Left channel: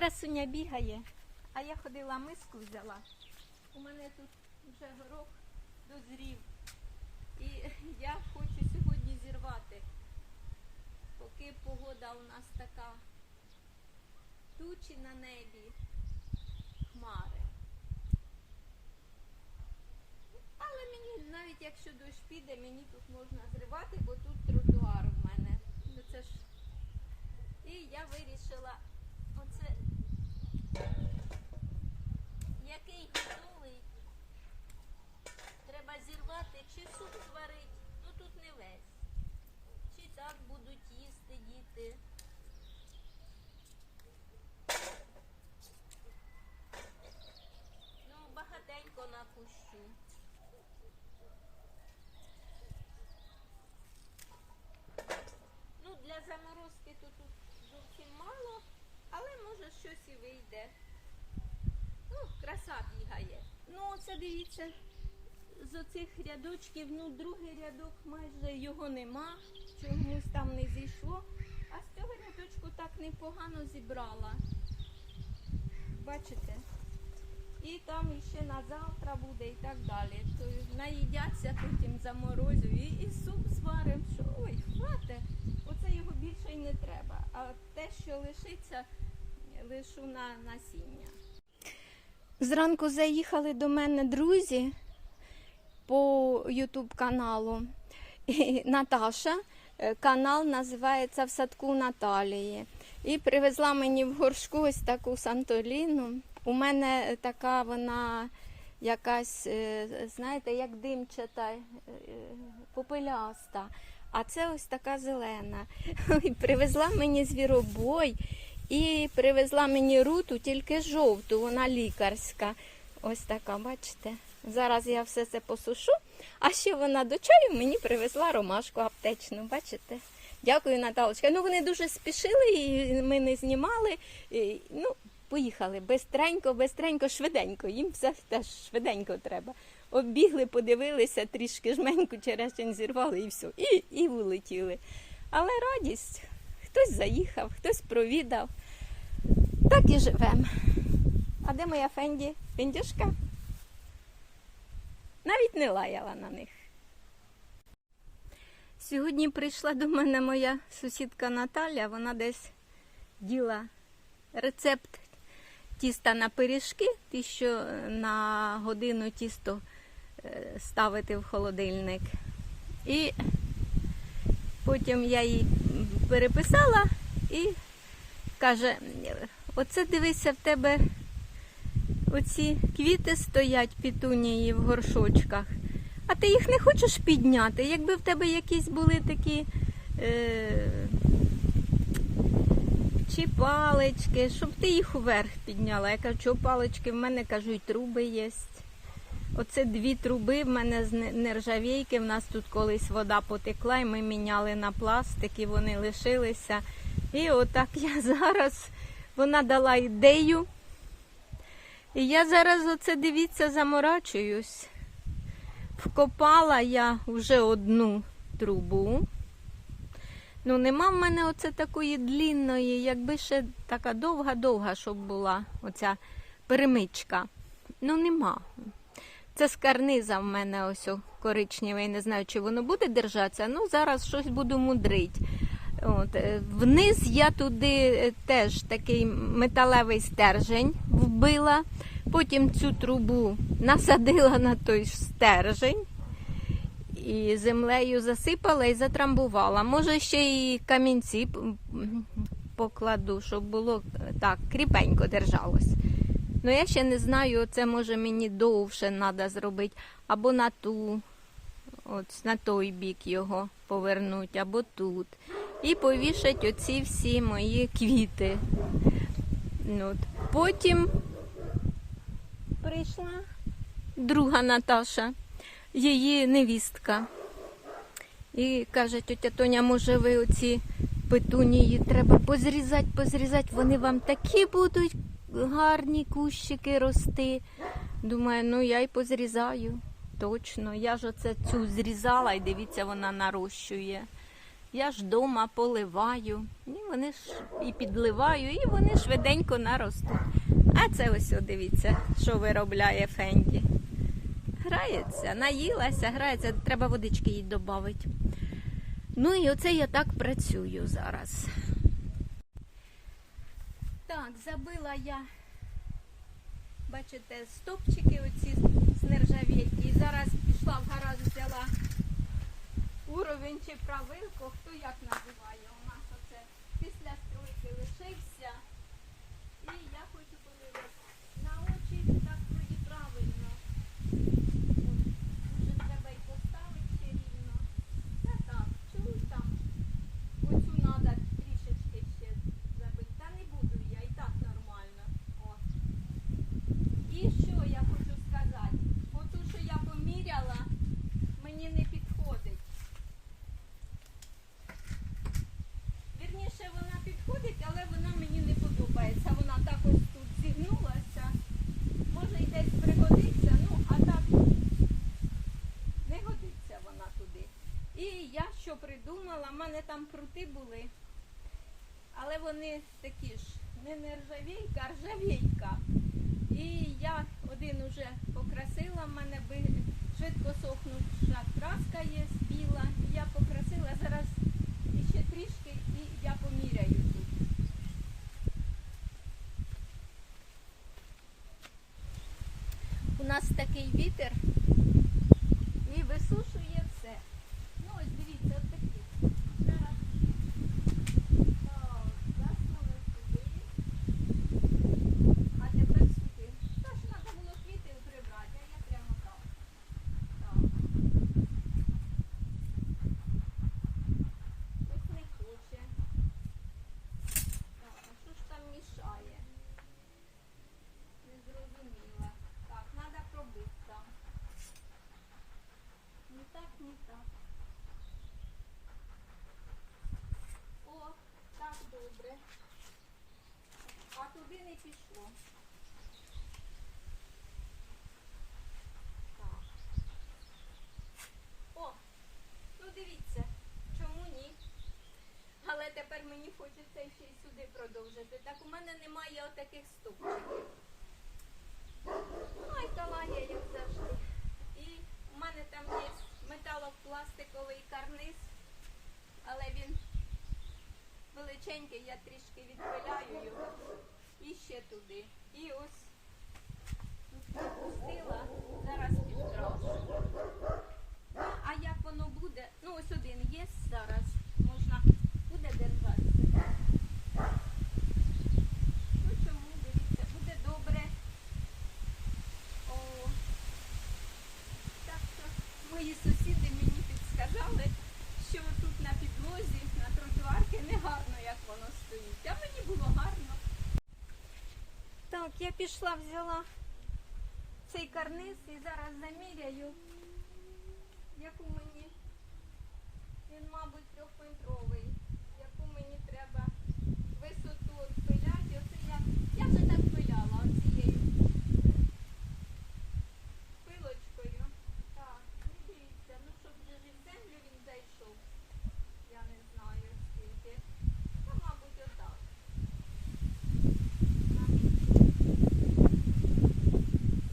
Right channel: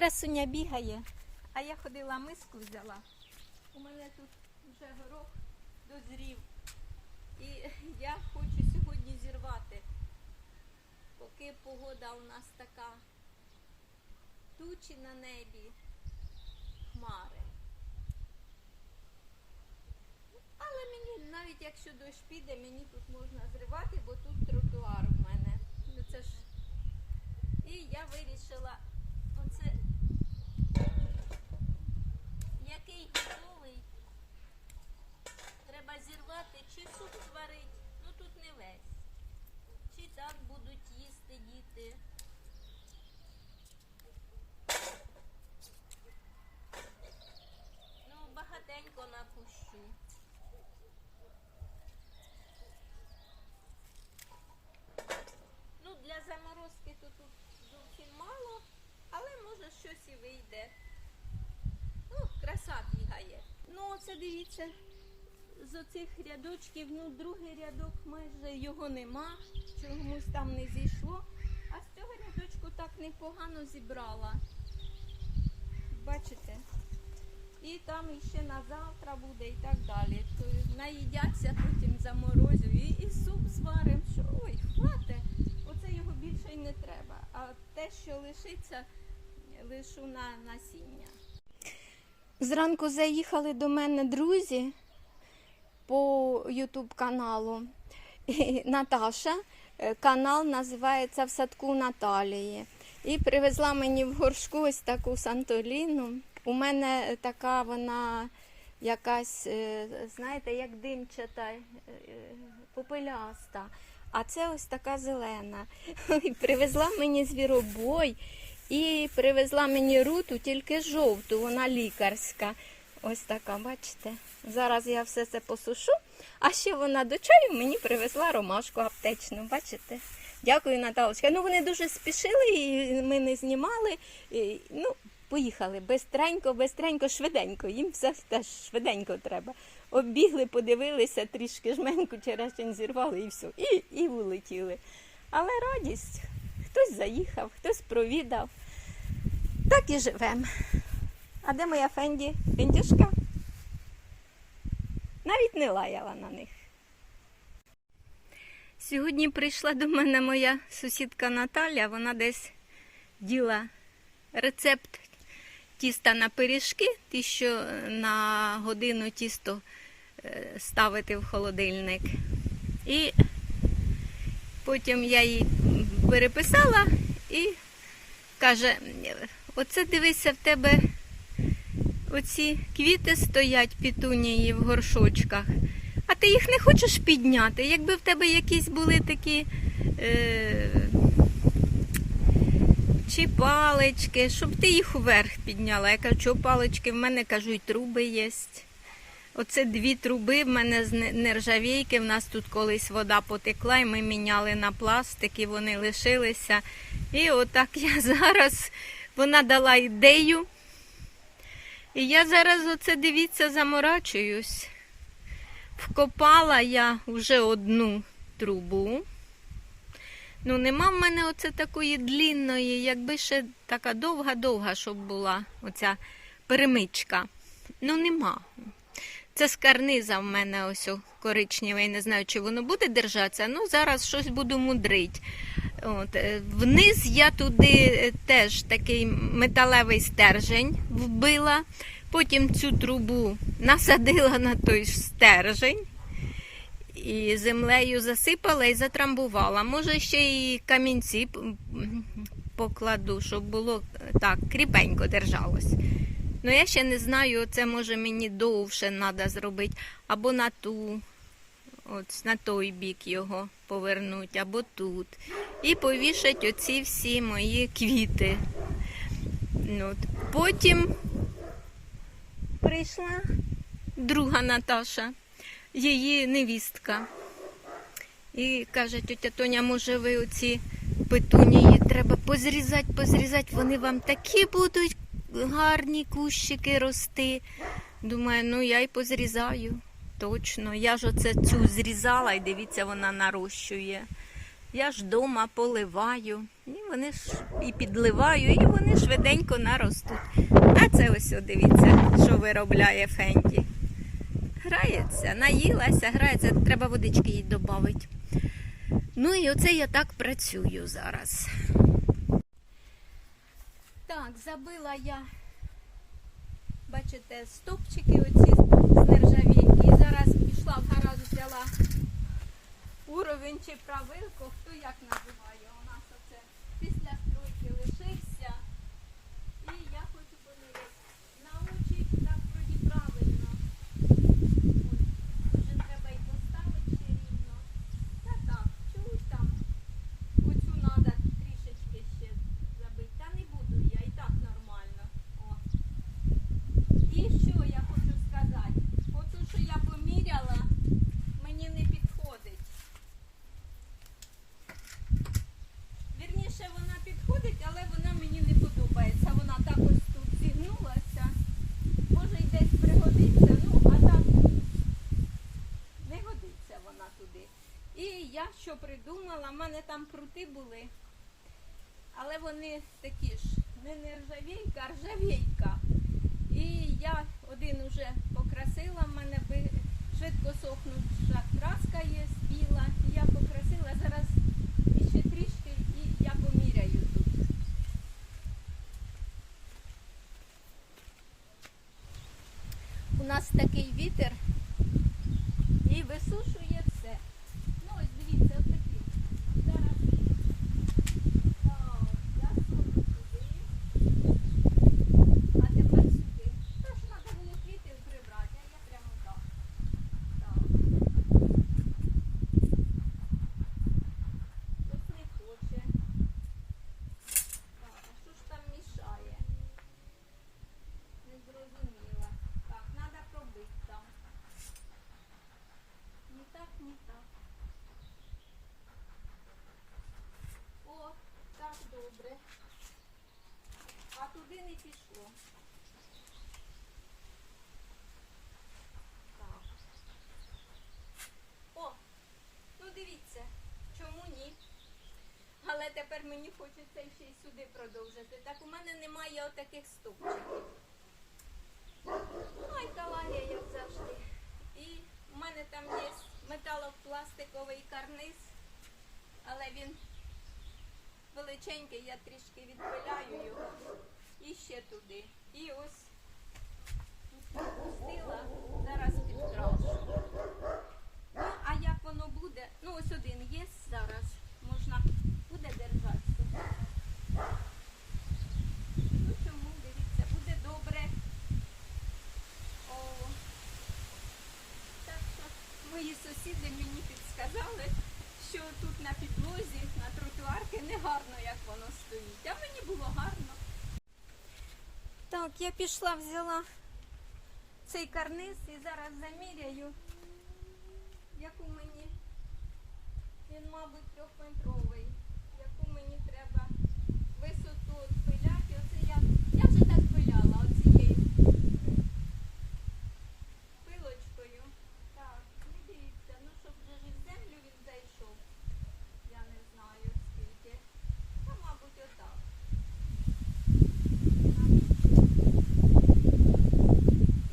красуня бігає, а я ходила миску взяла. У мене тут вже горох дозрів. І я хочу сьогодні зірвати, поки погода у нас така тучі на небі, хмари. Але мені, навіть якщо дощ піде, мені тут можна зривати, бо тут тротуар у мене. Ну це ж. І я вирішила оце який готовий. Треба зірвати, чи суп зварить, ну тут не весь. Чи так будуть їсти діти. Ну, багатенько напущу. Ну, для заморозки тут зовсім мало, але може щось і вийде. О, краса бігає. Ну, оце дивіться, з оцих рядочків, ну, другий рядок майже його нема, чомусь там не зійшло. А з цього рядочку так непогано зібрала. Бачите? І там іще на завтра буде і так далі. То наїдяться потім заморозю і, і суп зваримо. Що ой, хвате. Оце його більше й не треба. А те, що лишиться, лишу на насіння. Зранку заїхали до мене друзі по Ютуб каналу. Наташа. Е, Канал називається В садку Наталії. І привезла мені в горшку ось таку Сантоліну. У мене така вона якась, е, знаєте, як димчата, е, попеляста. А це ось така зелена. Привезла мені звіробой і привезла мені руту, тільки жовту, вона лікарська. Ось така, бачите? Зараз я все це посушу. А ще вона до чаю мені привезла ромашку аптечну, бачите? Дякую, Наталочка. Ну, вони дуже спішили, і ми не знімали. І, ну, поїхали бистренько, бистренько, швиденько. Їм все теж швиденько треба. Оббігли, подивилися, трішки жменьку черешень зірвали і все. І, і улетіли. Але радість. Хтось заїхав, хтось провідав. Так і живемо. А де моя Фенді? Фендюшка? Навіть не лаяла на них. Сьогодні прийшла до мене моя сусідка Наталя, вона десь діла рецепт тіста на пиріжки, ті, що на годину тісто е, ставити в холодильник. І потім я їй переписала і каже: оце дивися в тебе оці квіти стоять пітунії в горшочках, а ти їх не хочеш підняти. Якби в тебе якісь були такі е, чи палички, щоб ти їх вверх підняла. Я кажу, що палички в мене кажу, і труби є. Оце дві труби в мене з нержавійки. В нас тут колись вода потекла, і ми міняли на пластик, і вони лишилися. І отак я зараз вона дала ідею. І я зараз оце дивіться, заморачуюсь. Вкопала я вже одну трубу. Ну, нема в мене оце такої длінної, якби ще така довга-довга, щоб була оця перемичка. Ну, нема. Це з карниза в мене ось о, коричневий, не знаю, чи воно буде держатися. Ну, зараз щось буду мудрить. От, е, вниз я туди е, теж такий металевий стержень вбила. Потім цю трубу насадила на той стержень і землею засипала і затрамбувала. Може, ще і камінці покладу, щоб було е, так, кріпенько держалось. Ну, я ще не знаю, це може мені довше треба зробити, або на ту, от на той бік його повернути, або тут. І повішать оці всі мої квіти. Ну, от. Потім прийшла друга Наташа, її невістка. І каже, тетя Тоня, може ви оці петунії треба позрізати, позрізати, вони вам такі будуть гарні кущики рости. Думаю, ну я й позрізаю. Точно. Я ж оце цю зрізала і дивіться, вона нарощує. Я ж дома поливаю, і вони ж і підливаю, і вони швиденько наростуть. А це ось, дивіться, що виробляє Фенді. Грається, наїлася, грається, треба водички їй додати. Ну і оце я так працюю зараз. Так, забила я, бачите, стопчики оці з нержавійки. І зараз пішла в гараж, взяла уровень чи правилку, хто як називає. У нас оце після стройки лишився. І я хочу подивитися. На очі так вроді правильно. Ой, вже треба й поставити ще рівно. Та так, чого ж там? Оцю треба трішечки ще забити. Та не буду я, і так нормально. О. І що я хочу сказати? Оту, що я поміряла, мені не підходить. Вірніше, вона підходить, але вона мені не подобається. Вона так ось тут зігнулася. Може й десь пригодиться, ну а так не годиться вона туди. І я що придумала, в мене там прути були, але вони такі ж не нержавійка, а ржавійка. І я один уже покрасила, в мене швидко сохнуча краска є біла. Я покрасила зараз ще трішки і я поміряю тут. У нас такий вітер і висушує все. Ну ось дивіться, ось такі. Зараз так, я суну сюди. А тепер сюди. Та ж треба було квіти прибрати, а я прямо так. Так. Ось не хоче. Так, а що ж там мішає? Не зрозуміла. Так, треба пробити там. Не так, не так. О, так добре. А туди не пішло. Так. О, ну дивіться, чому ні? Але тепер мені хочеться ще й сюди продовжити. Так у мене немає отаких ступчиків. Ну і калання, як завжди. І у мене там є металопластиковий карниз, але він величенький, я трішки відпиляю його і ще туди. І ось пропустила, зараз підкрашу. А як воно буде? Ну, ось один є зараз. Можна буде держатися. Ну чому, дивіться, буде добре. О, так що мої сусіди мені підсказали, що тут на підлозі, на тротуарки не гарно, як воно стоїть. А мені було гарно. Так, я пішла, взяла цей карниз і зараз заміряю, яку мені. Він, мабуть, трьохметровий. Яку мені треба висоту пиляти. Оце я, я вже так пиляла оцією пилочкою. Так, ну дивіться, ну щоб вже ж і в землю він зайшов. Я не знаю скільки. Та, мабуть, отак.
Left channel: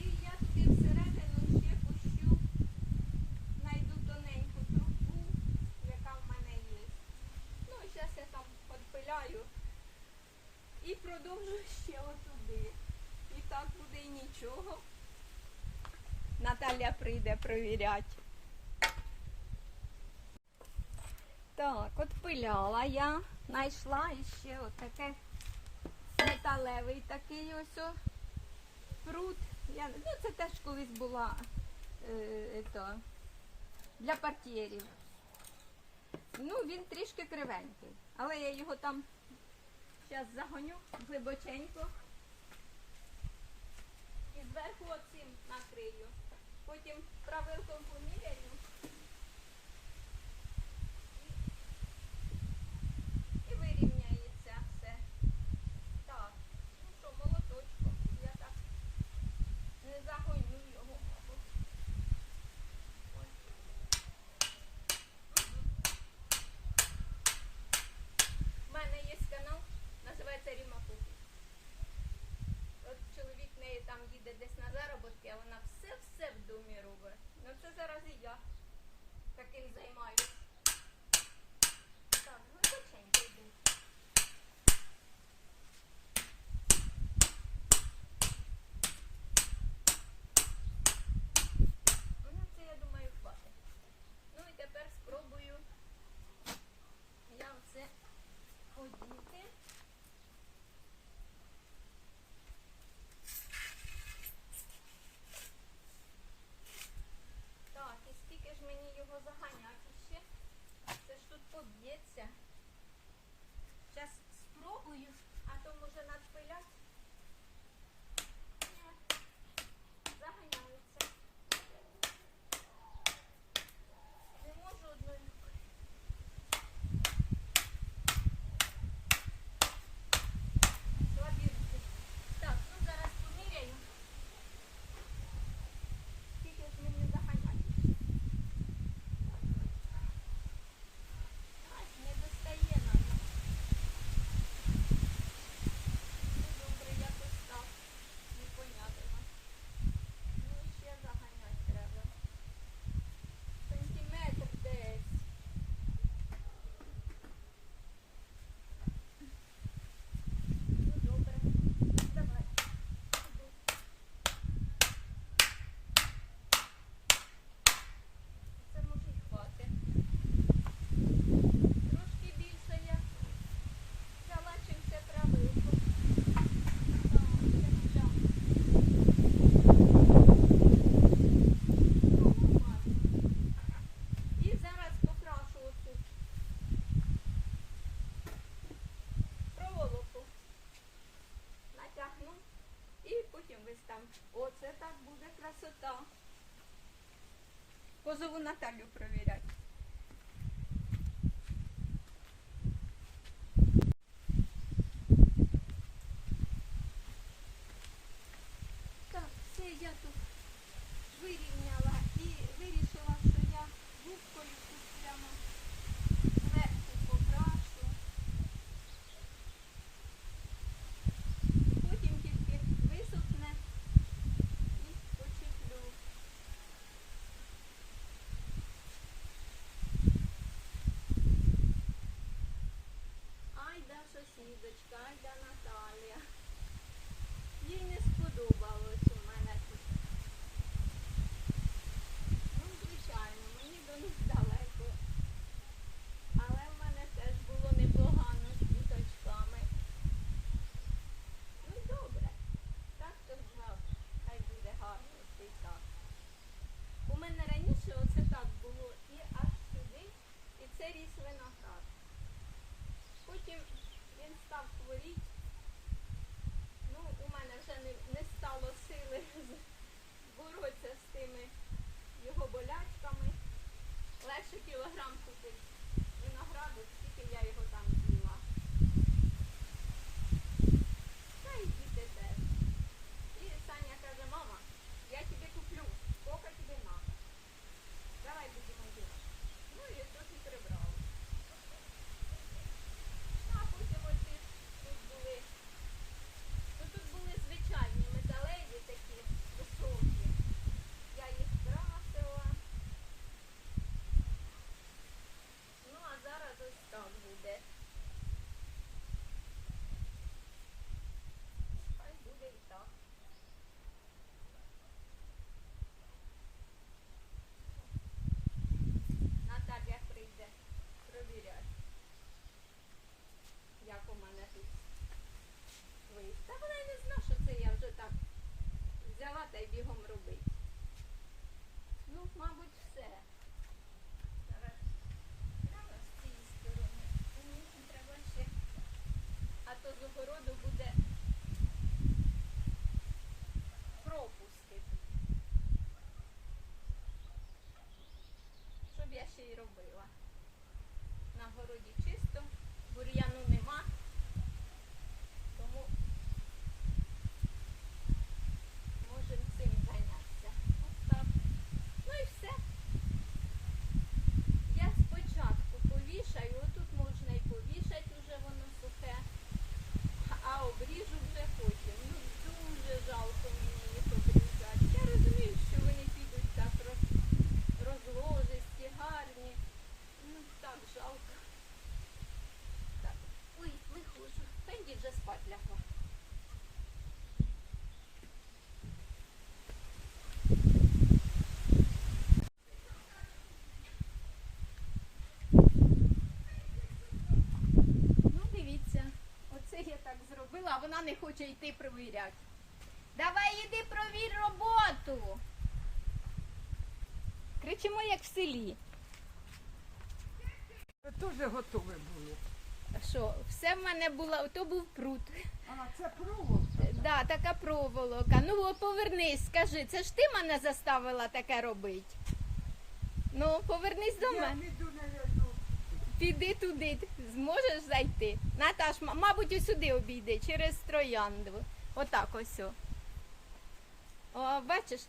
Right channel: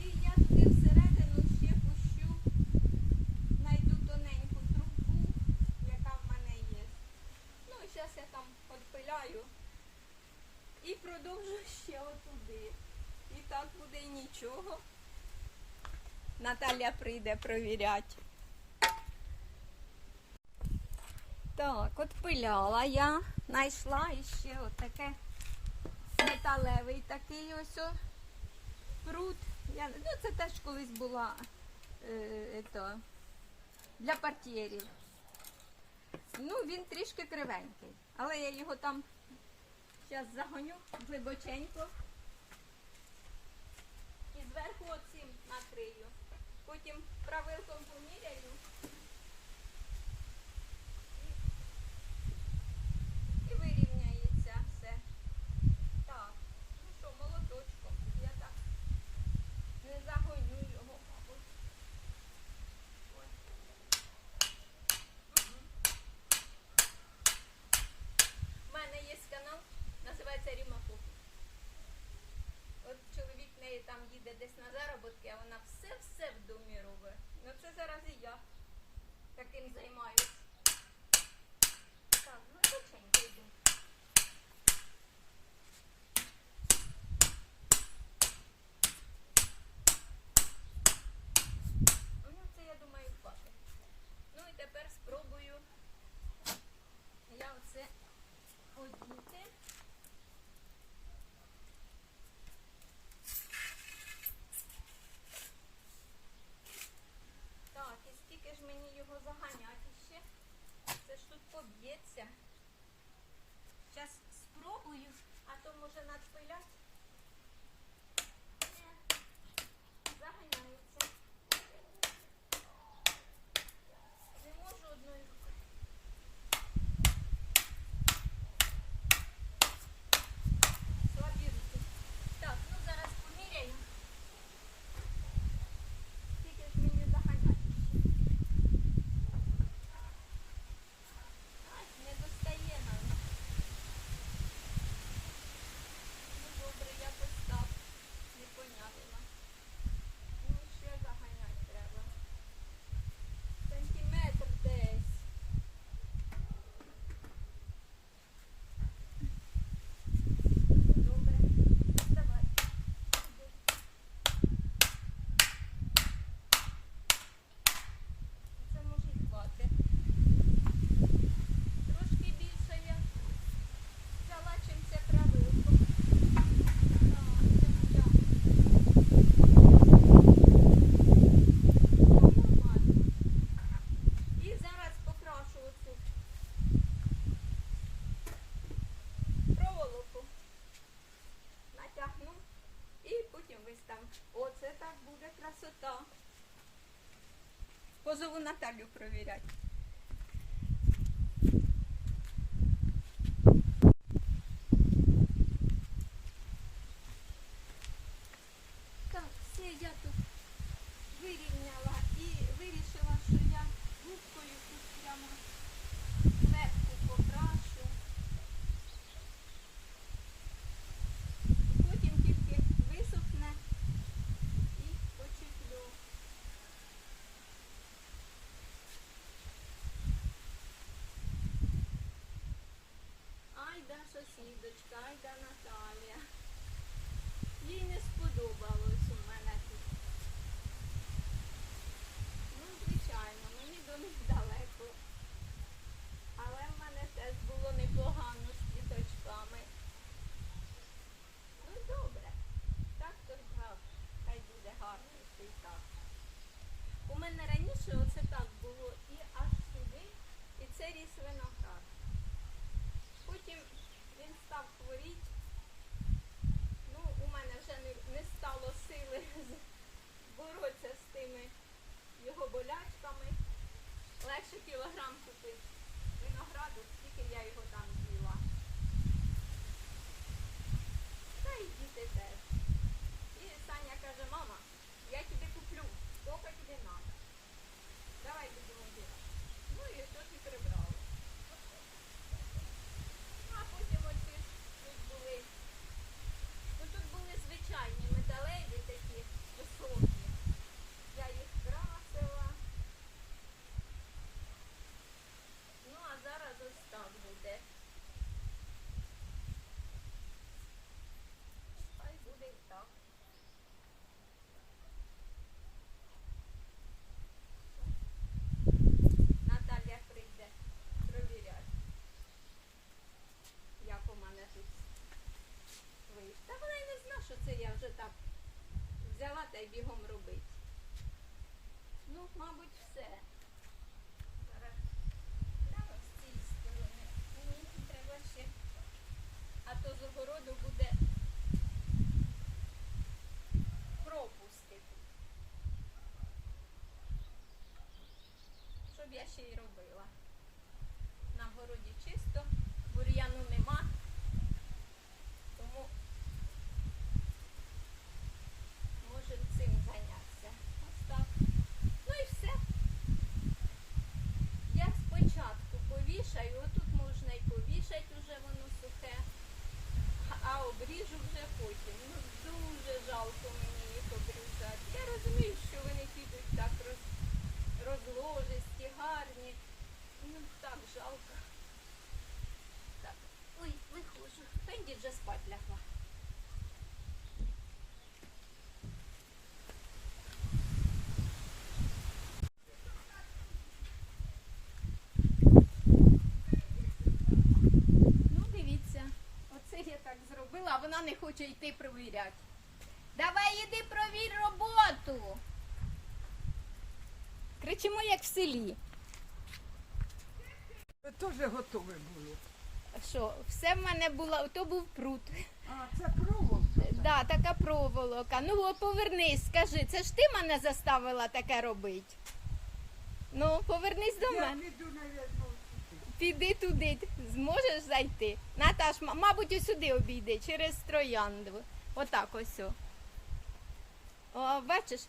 І я туди всередину ще пущу, знайду тоненьку трубку, яка в мене є. Ну, і зараз я там відпиляю і продовжу ще отуди. І так буде і нічого. Наталя прийде провіряти. Так, от пиляла я, знайшла іще отаке металевий такий ось о, прут. Я, ну, це теж колись була е, ето, для партієрів. Ну, він трішки кривенький, але я його там зараз загоню глибоченько і зверху оцим накрию. Потім правилком поміряю. І вирівняється все. Так, ну що, молоточком. Я так не загоню його, мабуть. Ось. Мгм. десь а вона все-все в домі робить. Ну це зараз і я таким займаюсь. Так, глибоченько йду. Ну, це, я думаю, хватить. Ну і тепер спробую я оце одіти. Так, і скільки ж мені його заганяти ще? Це ж тут поб'ється. Зараз спробую, а то може надпилять. Ні, заганяються. Не можу одною рукою. Слабі руки. Так, ну зараз поміряю. Скільки ж мені заганяти ще? Аж не достає навіть. Ну добре, якось так. Непонятно. Ну і ще заганяти треба. Сантиметр десь. Ну добре. Давай. Іди. Це може й хватить. Трошки більше я взяла, чим це правилко. Так, це так. Ну, нормально. І зараз покрашу оцю проволоку. Натягну і потім виставлю. Оце так буде красота. Позову Наталю провіряти. Так, все я тут вирівняла і вирішила, що я губкою тут прямо зверху покрашу. Потім тільки висохне і почеплю. Айда сусідочка, Наталія. Їй не сподобалось у мене тут. Ну, звичайно, мені до них далеко. Але в мене теж було непогано з. Ну добре. Так то грав. Хай буде гарно і так. У мене раніше оце так було і аж сюди, і це ріс виноград. Потім він став хворіти. Ну, у мене вже не, не стало сили боротися з тими його болячками. Легше кілограм купити винограду, скільки я його там з'їла. Та й діти теж. І Саня каже, мама, я тобі куплю, скільки тобі треба. Давай будемо ділати. Ну і тут і прибрали. А потім оці тут були. Ну тут були звичайні металеві такі високі. Я їх красила. Ну а зараз ось так буде. Ну, Хай буде і так. Наталя прийде провіряти, як у мене тут вийшло. Та вона й не зна, що це я вже так взяла та й бігом робити. Ну, мабуть, все. Зараз з цієї сторони. Мені треба ще. А то з огороду буде пропуски тут. Щоб я ще й робила. На городі чисто, бур'яну нема. Тому можемо цим зайнятися. Ось так. Ну і все. Я спочатку повішаю, отут можна і повішати, уже воно сухе, а обріжу вже потім. Ну дуже жалко мені їх обрізати. так жалко. Так, ой, виходжу. Фенді вже Ну, дивіться, оце я так зробила, а вона не хоче йти провіряти. Давай іди провір роботу. Кричимо, як в селі. Теж готові були. Що, все в мене було, то був прут. А, це проволока. Да, така проволока. Ну, о, повернись, скажи, це ж ти мене заставила таке робити? Ну, повернись до Я мене. піду. Піди туди, зможеш зайти. Наташ, м- мабуть, ось сюди обійди, через троянду. Отак ось. О, о бачиш?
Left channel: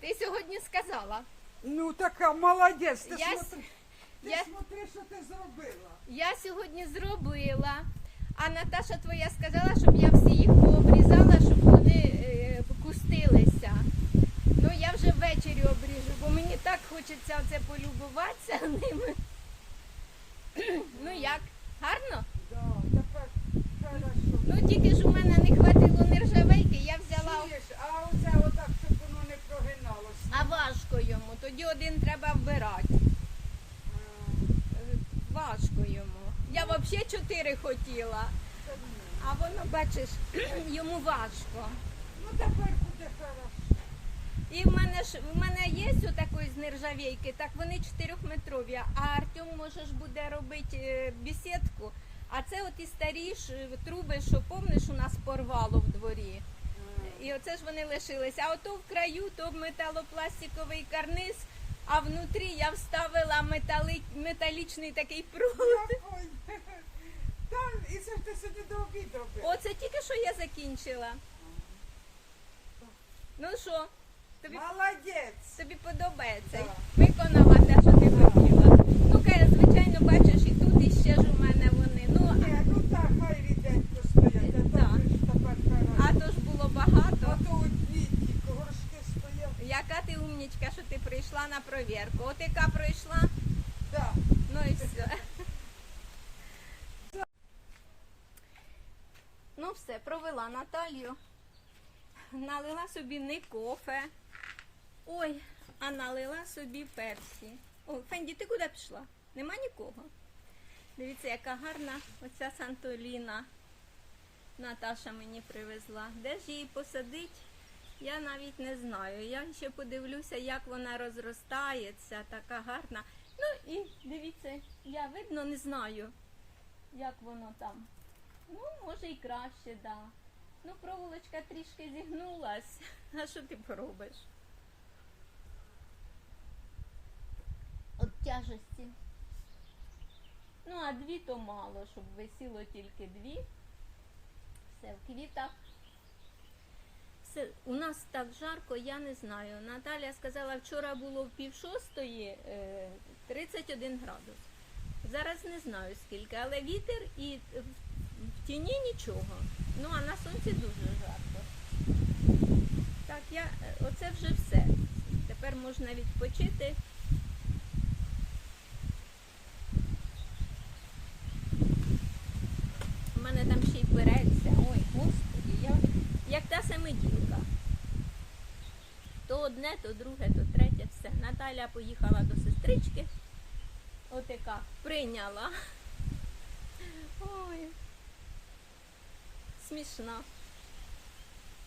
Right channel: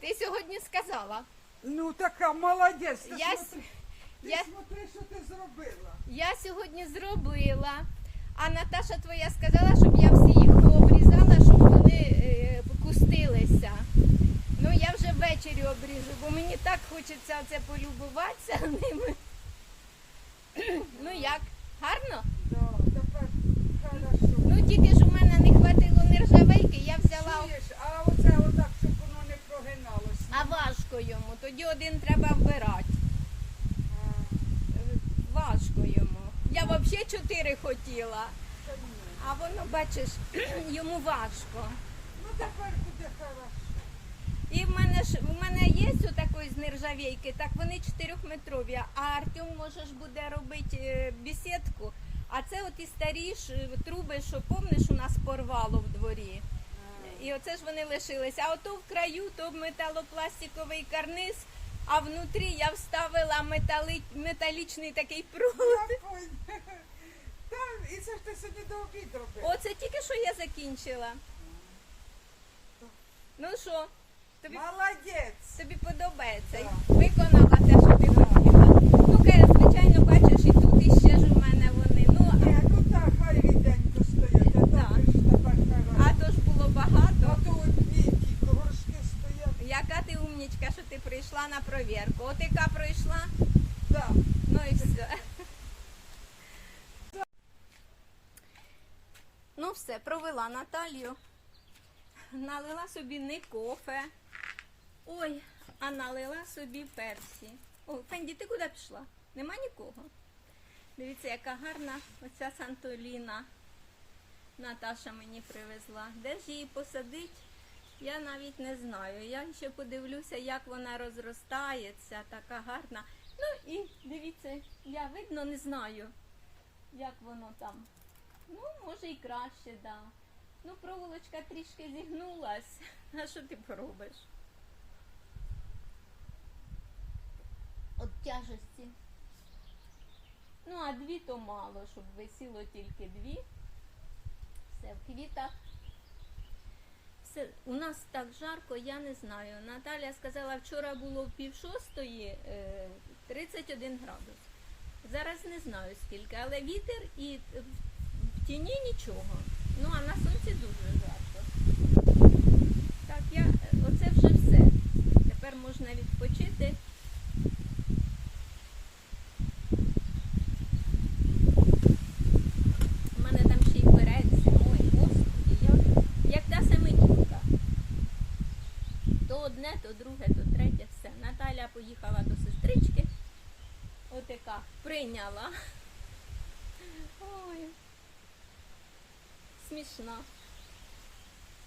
Ти сьогодні сказала. Ну така молодець. Ти, Я с- смотри, ти я- смотри, що ти зробила. Я сьогодні зробила, а Наташа твоя сказала, щоб я всі їх пообрізала, щоб вони е, кустилися. Ну я вже ввечері обріжу, бо мені так хочеться оце полюбуватися ними. Ну як, гарно? Да, тепер хорошо. Ну тільки ж у мене не хватило нержавейки, я взяла. Чуєш, а оце отак, щоб воно не прогиналося. А важко йому, тоді один треба вбирати. Важко йому. Я взагалі чотири хотіла, а воно, бачиш, йому важко. Ну тепер буде хорошо. І в мене ж в мене є такої з нержавійки, так вони 4-метрові, а Артем може ж буде робити е, бесідку. А це от і старі ж е, труби, що помниш, у нас порвало в дворі. І оце ж вони лишилися. А ото в краю то металопластиковий карниз, а внутрі я вставила метали... металічний такий прут. Там, і це ж ти сьогодні до обід робив. Оце тільки що я закінчила. Ну що, тобі Молодець. Тобі подобається. Да. Виконала те, що ти хотіла. Ну, каже, звичайно, бачиш, і тут іще ж у мене вони. Ну, Ні, ну так, хай ріденько стоять, а Так. то ж тепер а, а хорошо. то ж було багато. А то от ті горшки стоять. Яка ти умнічка, що ти прийшла на провірку. От яка пройшла, Да. ну і все. Ну все, провела Наталію. Налила собі не кофе. Ой, а налила собі персі. О, Фенді, ти куди пішла? Нема нікого. Дивіться, яка гарна оця Сантоліна. Наташа мені привезла. Де ж її посадить? Я навіть не знаю. Я ще подивлюся, як вона розростається, така гарна. Ну і дивіться, я видно не знаю, як воно там. Ну, може і краще, да. Ну, проволочка трішки зігнулась. А що ти поробиш? От тяжесті. Ну, а дві то мало, щоб висіло тільки дві. Все в квітах. У нас так жарко, я не знаю. Наталя сказала, вчора було пів шостої е, 31 градус. Зараз не знаю скільки, але вітер і в тіні нічого. Ну а на сонці дуже жарко. Так, я е, оце вже все. Тепер можна відпочити. У мене там ще й береться. Ой, господи, я як та семидінка. То одне, то друге, то третє, все. Наталя поїхала до сестрички. Отака прийняла. Ой. Смішна.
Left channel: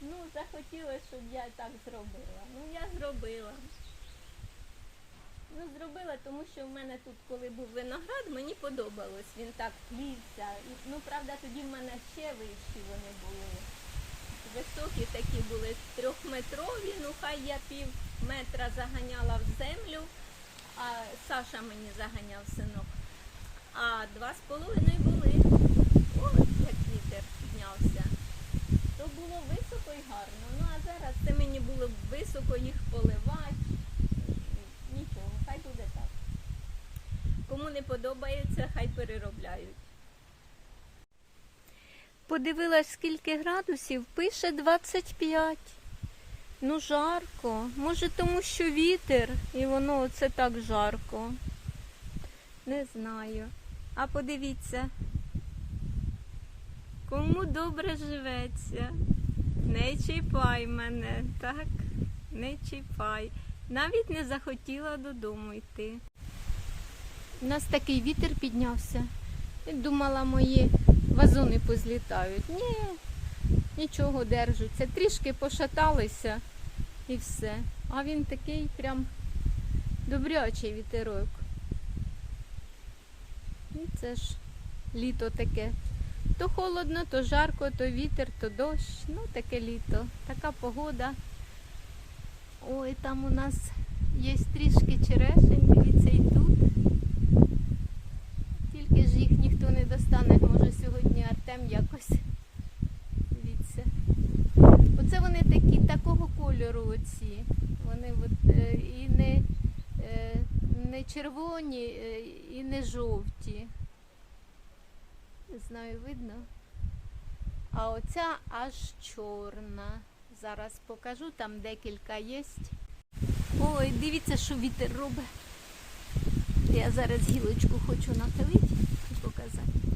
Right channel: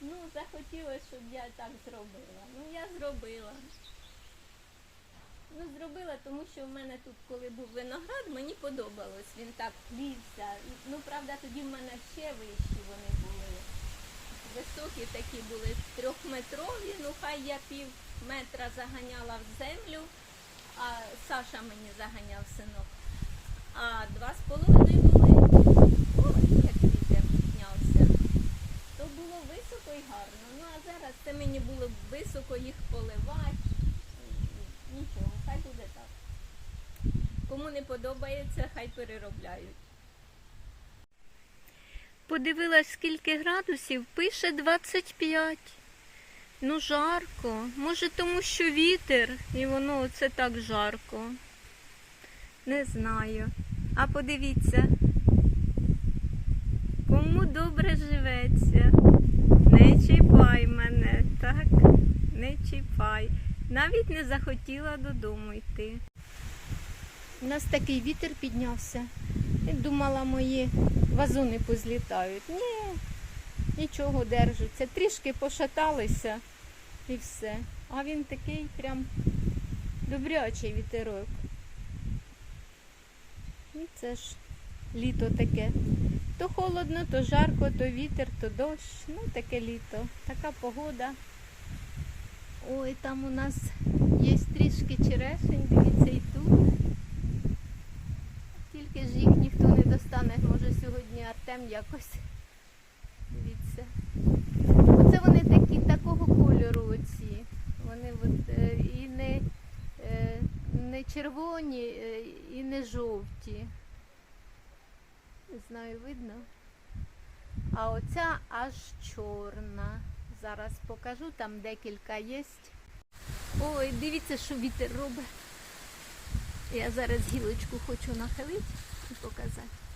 Ну, захотілося, щоб я так зробила. Ну, я зробила. Ну, зробила, тому що в мене тут, коли був виноград, мені подобалось. Він так плівся. Ну, правда, тоді в мене ще вищі вони були. Високі такі були трьохметрові, ну хай я пів метра заганяла в землю, а Саша мені заганяв синок. А два з половиною були. Як вітер піднявся. То було високо і гарно. Ну а зараз це мені було високо їх поливати. Нічого, хай буде так. Кому не подобається, хай переробляють. Подивилась, скільки градусів, пише 25. Ну, жарко. Може, тому що вітер, і воно оце так жарко. Не знаю. А подивіться, кому добре живеться. Не чіпай мене, так? Не чіпай. Навіть не захотіла додому йти. У нас такий вітер піднявся. І думала, мої вазони позлітають. Ні, нічого держаться. Трішки пошаталися і все. А він такий прям добрячий вітерок. І це ж літо таке. То холодно, то жарко, то вітер, то дощ. Ну, таке літо. Така погода. Ой, там у нас є трішки черешень, дивіться і тут. Тільки ж їх ніхто не достане. Може сьогодні Артем якось. Дивіться. Оце вони такі такого кольору оці. Вони от, е, і не, е, не червоні, е, і не жовті. Не знаю, видно. А оця аж чорна. Зараз покажу, там декілька є. Ой, дивіться, що вітер робить. Я зараз гілочку хочу нахилити і показати.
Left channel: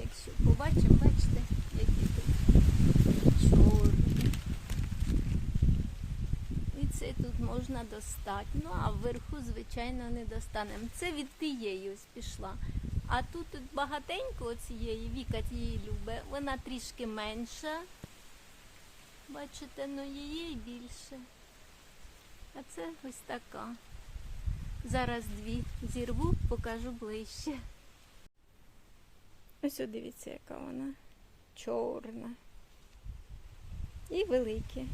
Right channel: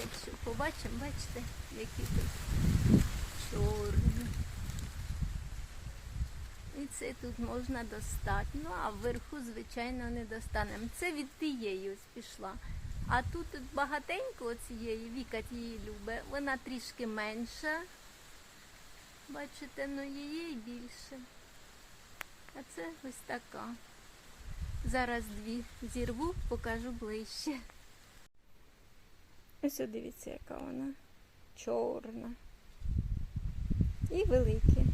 Якщо побачимо, бачите, які тут чорні. І це тут можна достати. Ну, а вверху, звичайно, не достанемо. Це від тієї ось пішла. А тут от багатенько цієї, Віка її любить, вона трішки менша. Бачите, ну її більше. А це ось така. Зараз дві зірву, покажу ближче. Ось дивіться, яка вона чорна. І великі.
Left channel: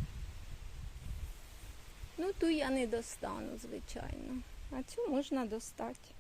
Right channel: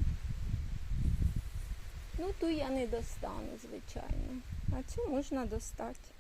Ну, ту я не достану, звичайно. А цю можна достати.